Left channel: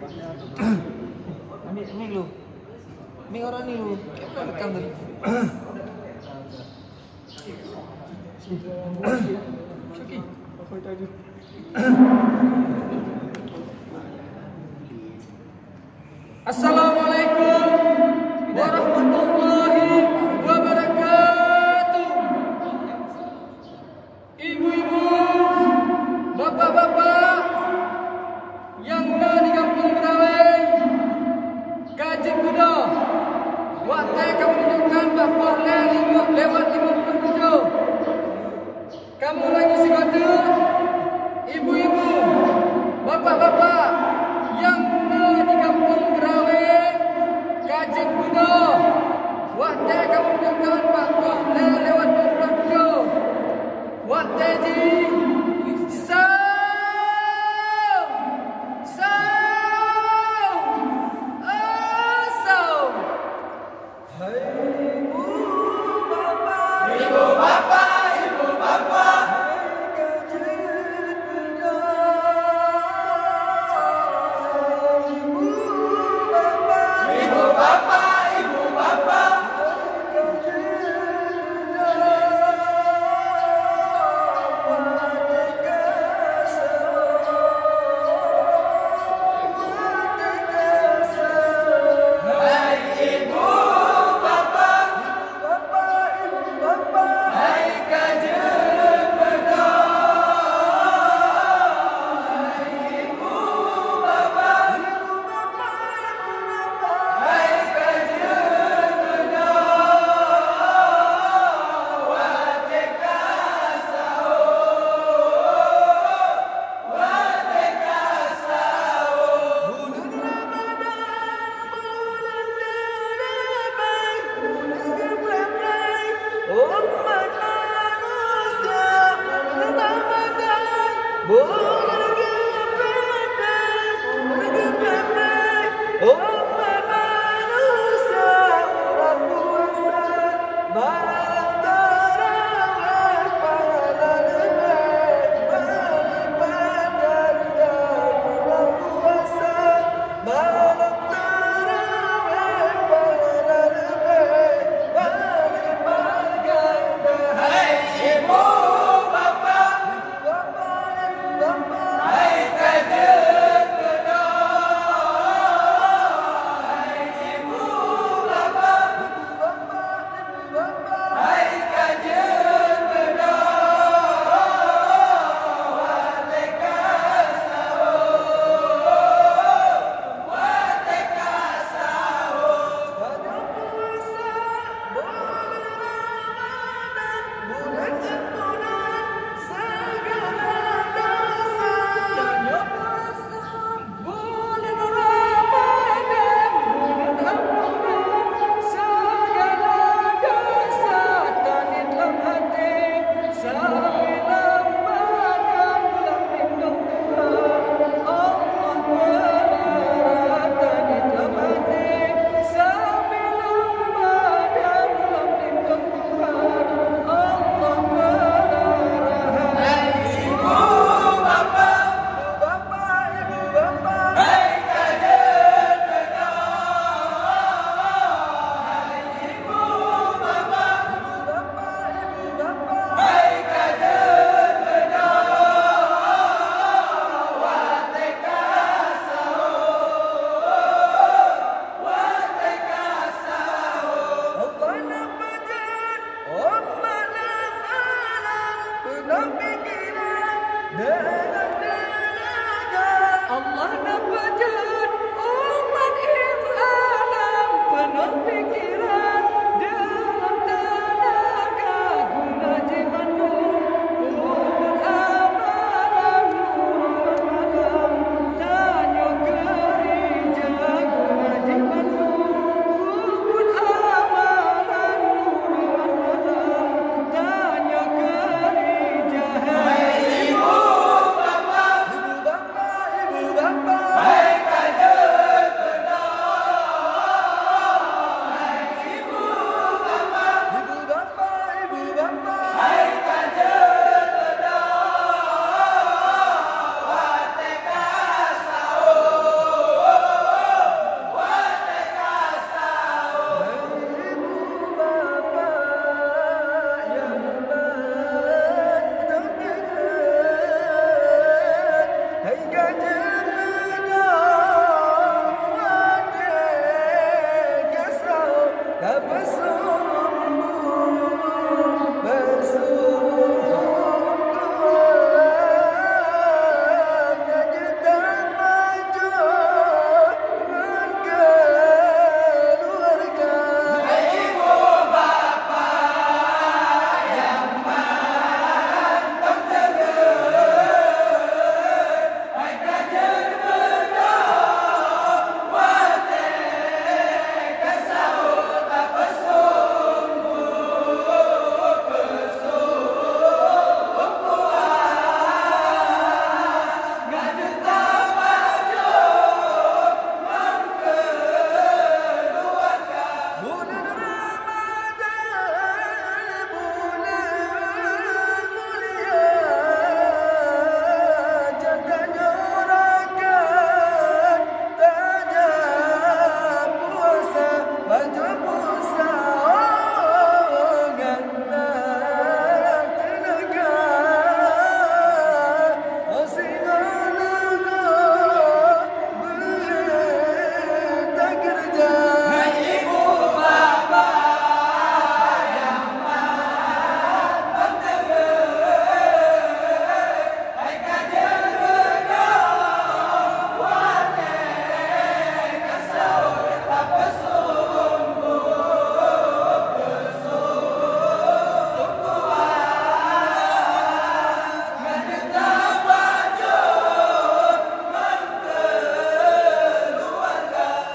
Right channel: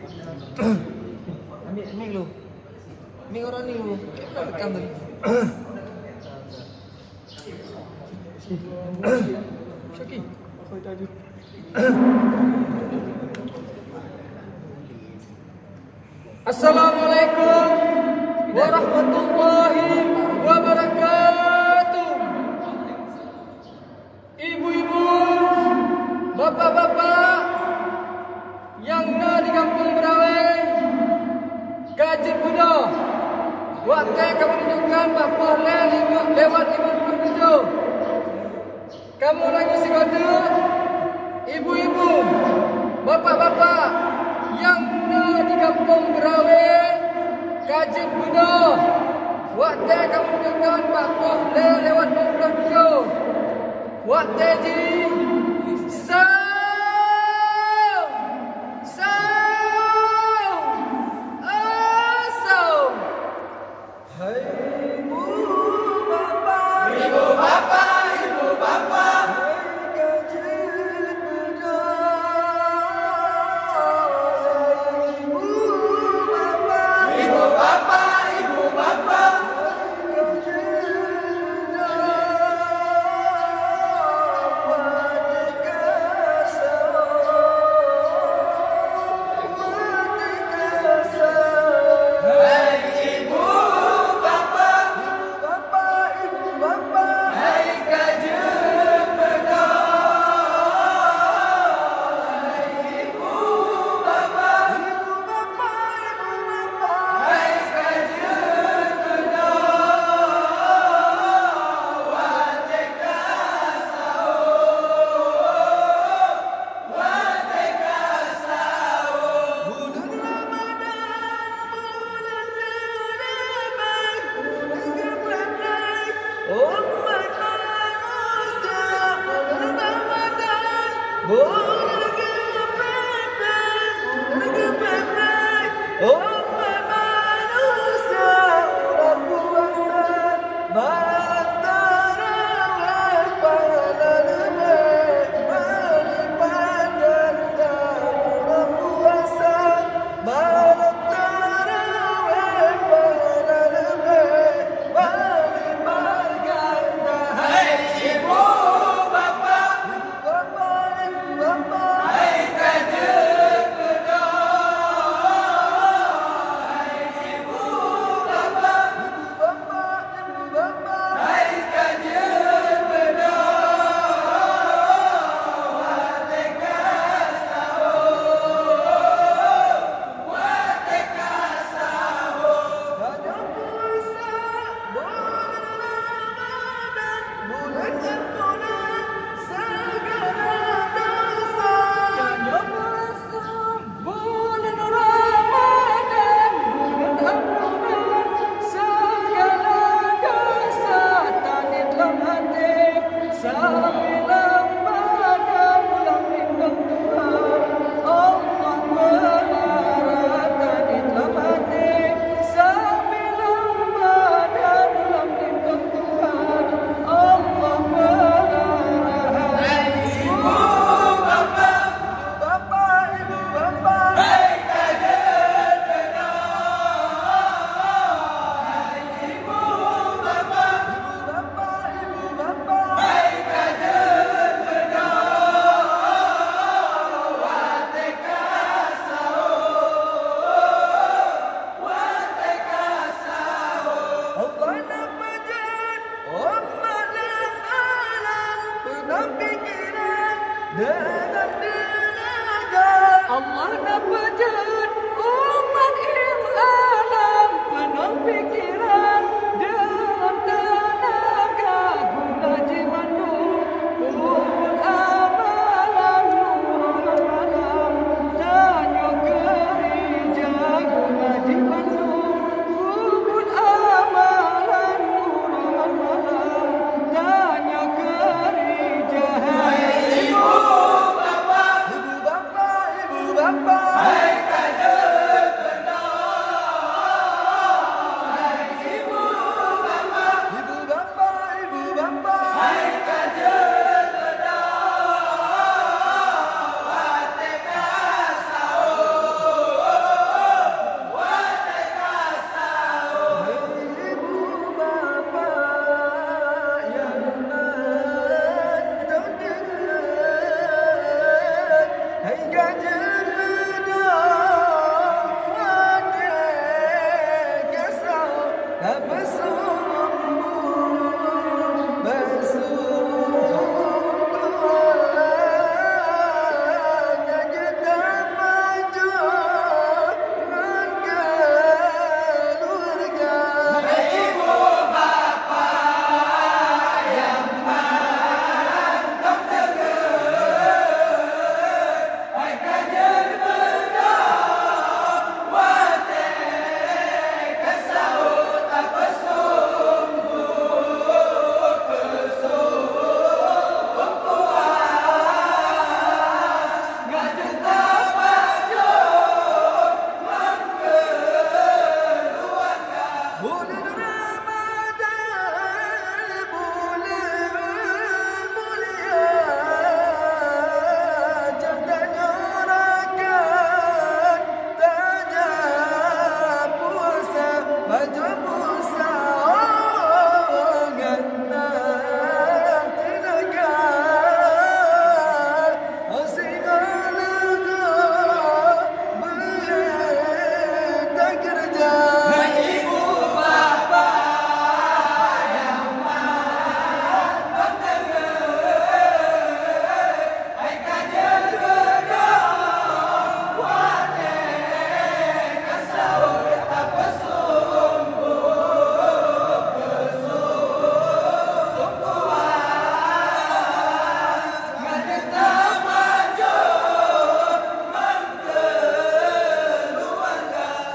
Ni lu. Ni orang ni lu. Kenapa tekan tu? Syaki. Assalamualaikum warahmatullahi wabarakatuh. Ibu-ibu, bapak-bapak yang ada di Kampung Merawai, Gajah Kuda, waktu kamu menunjukkan bahawa lewat 57. Kamu lagi segoda, ibu-ibu, bapak-bapak yang ada di Kampung Merawai, Gajah Kuda, waktu kamu menunjukkan bahawa lewat 57. Waktu di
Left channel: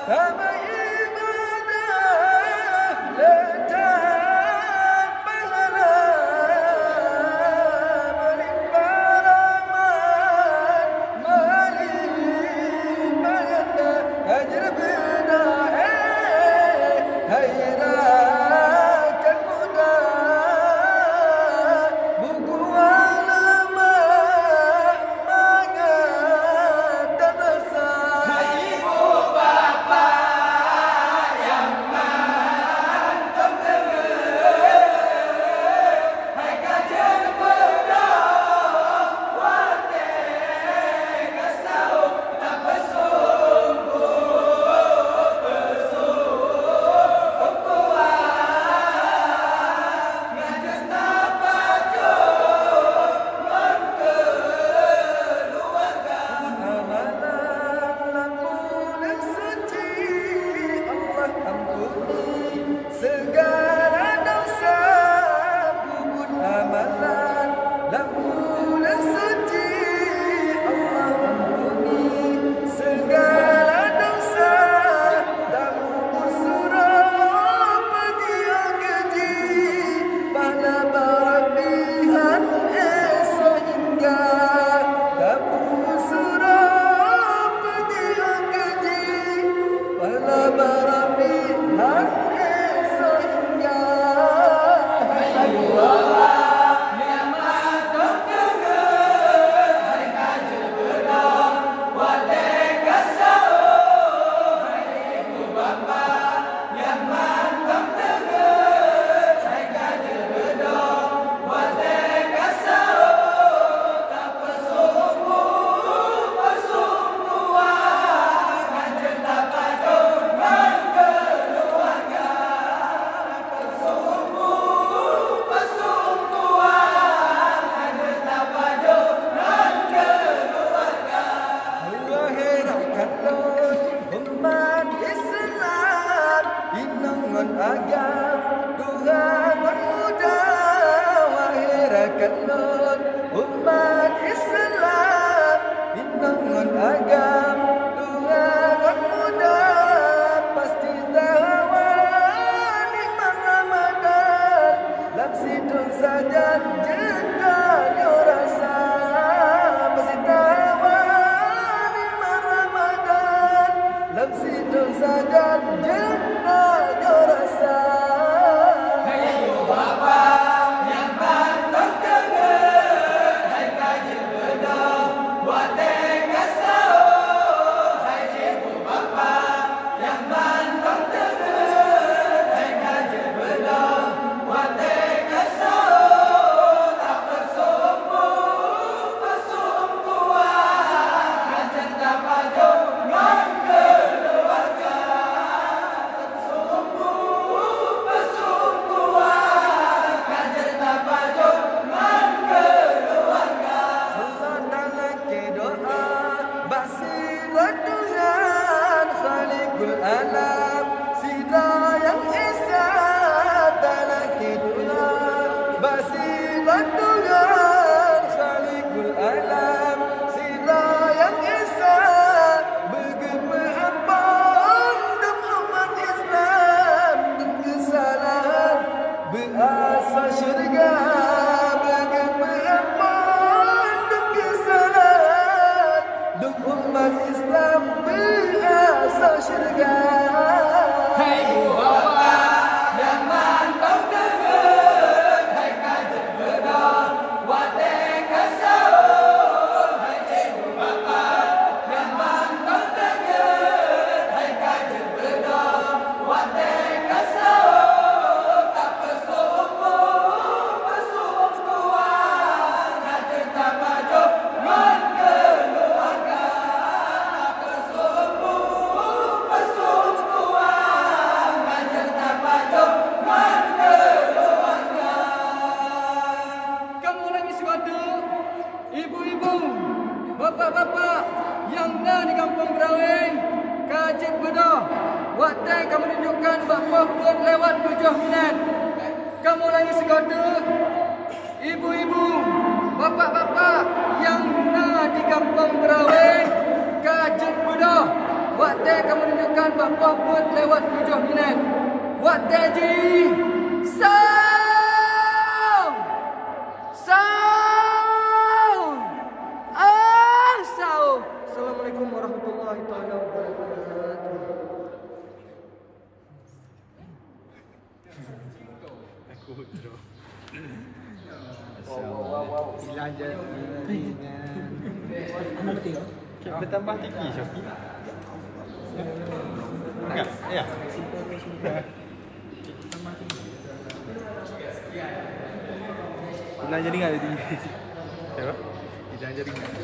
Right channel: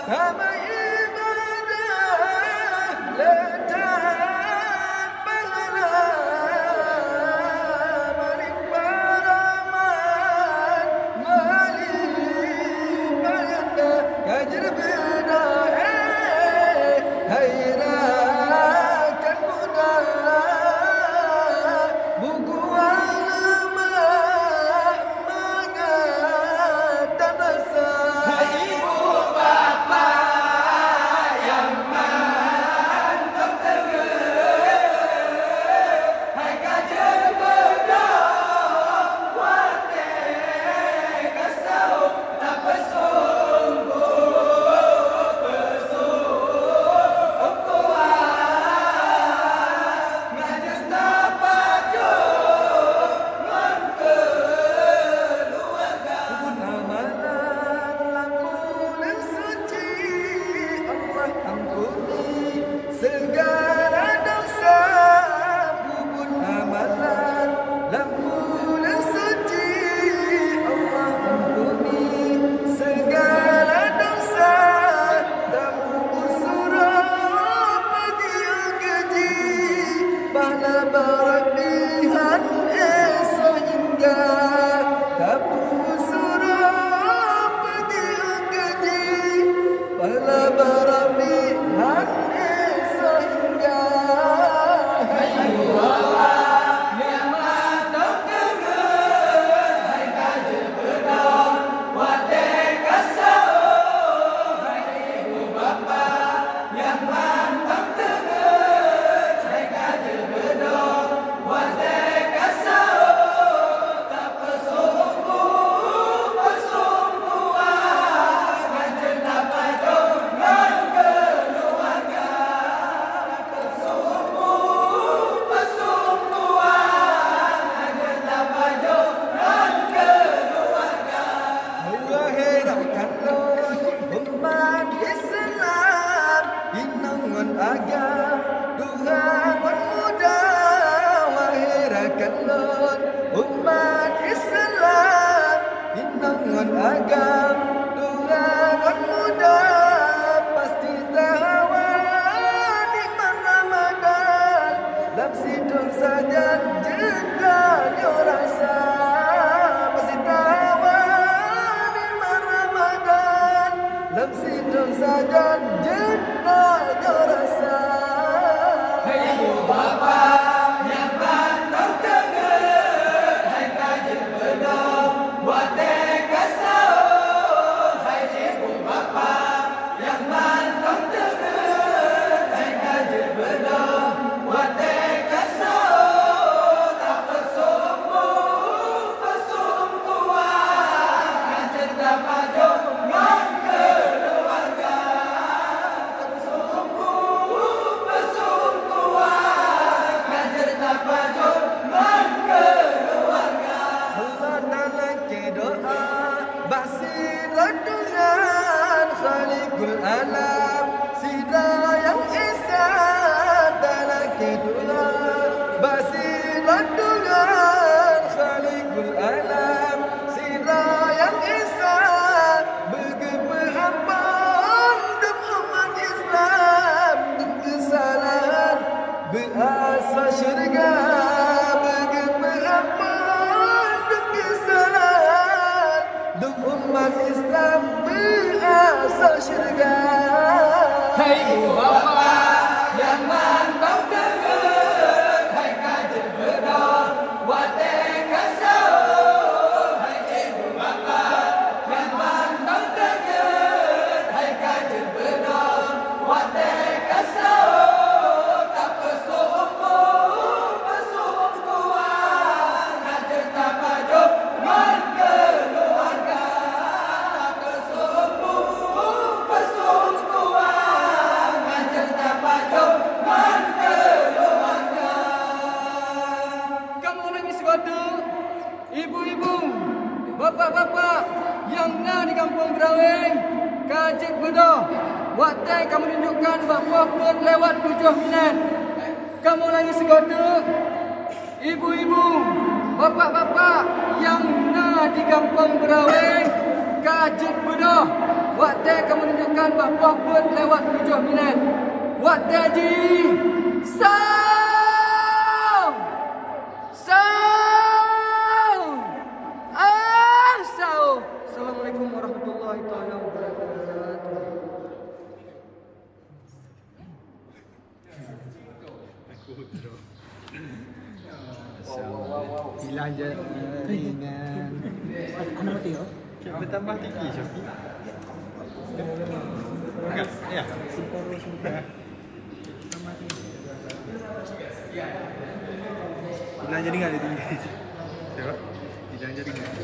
damai ibadah letak pahala maling baraman maling bayanda tajir bina hayrakan muda buku alama mengata rasa ibu bapa yang mantap hai kajen berdoa wate kasau tak bersungguh segala dosa bubut amalan lampunan suci Allah ampuni segala dosa lampu surah pagi yang keji pahala barabihan esok hingga lampu surah pagi yang keji pahala barabihan umat Islam inangan agam Tuhan muda wahirakan umat Islam inangan agam Tuhan muda pasti tahawan iman Ramadan lam sidon saja jeda rasa pasti tahawan iman Ramadan lam sidon saja jeda rasa hey ibu bapa yang bantang keget hai kaji bedong buat kasau hai ibu bapa yang bantang keget hai kaji bedong buat kasau tak tersumbuh persumbuhan kan cinta pajok ngan keluarga tersumbuh persumbuhan kan cinta pajok ngan keluarga Allah Ta'ala ke doa basirat dengan Khaliqul Alam Sida yang Esa Ta'ala ke doa basirat dengan Khaliqul Alam Sida yang Esa bergemehampan demi umat Islam demi kesalahan berasa syurga bergemehampan demi kesalahan demi umat Islam berasa syurga hai ibu bapa yang mantap keget hai kajen bedong wate kasau hai ibu bapa yang mantap keget hai kajen bedong wate kasau tak kesumbuh persumbuhan kajen tak pajok ngan keluarga kesumbuh persumbuhan kajen tak pajok ngan keluarga. Kamu lagi suatu ibu-ibu, bapak-bapak yang na di kampung Berawing, Kajik Bedoh, waktu kamu tunjukkan bahawa pun lewat 7 minit. Kamu lagi segoda, ibu-ibu, bapak-bapak yang na di kampung Berawing, Kajik Bedoh, waktu waktu akan menunjukkan bahawa put lewat 7 minit. Waktu ji. Sound. Sound. Sound. Assalamualaikum warahmatullahi wabarakatuh. Wow. Anak dia. Bertambah tinggi Syafi. Ya. Pernah jadi enggak itu? Ya. Tidak jadi enggak.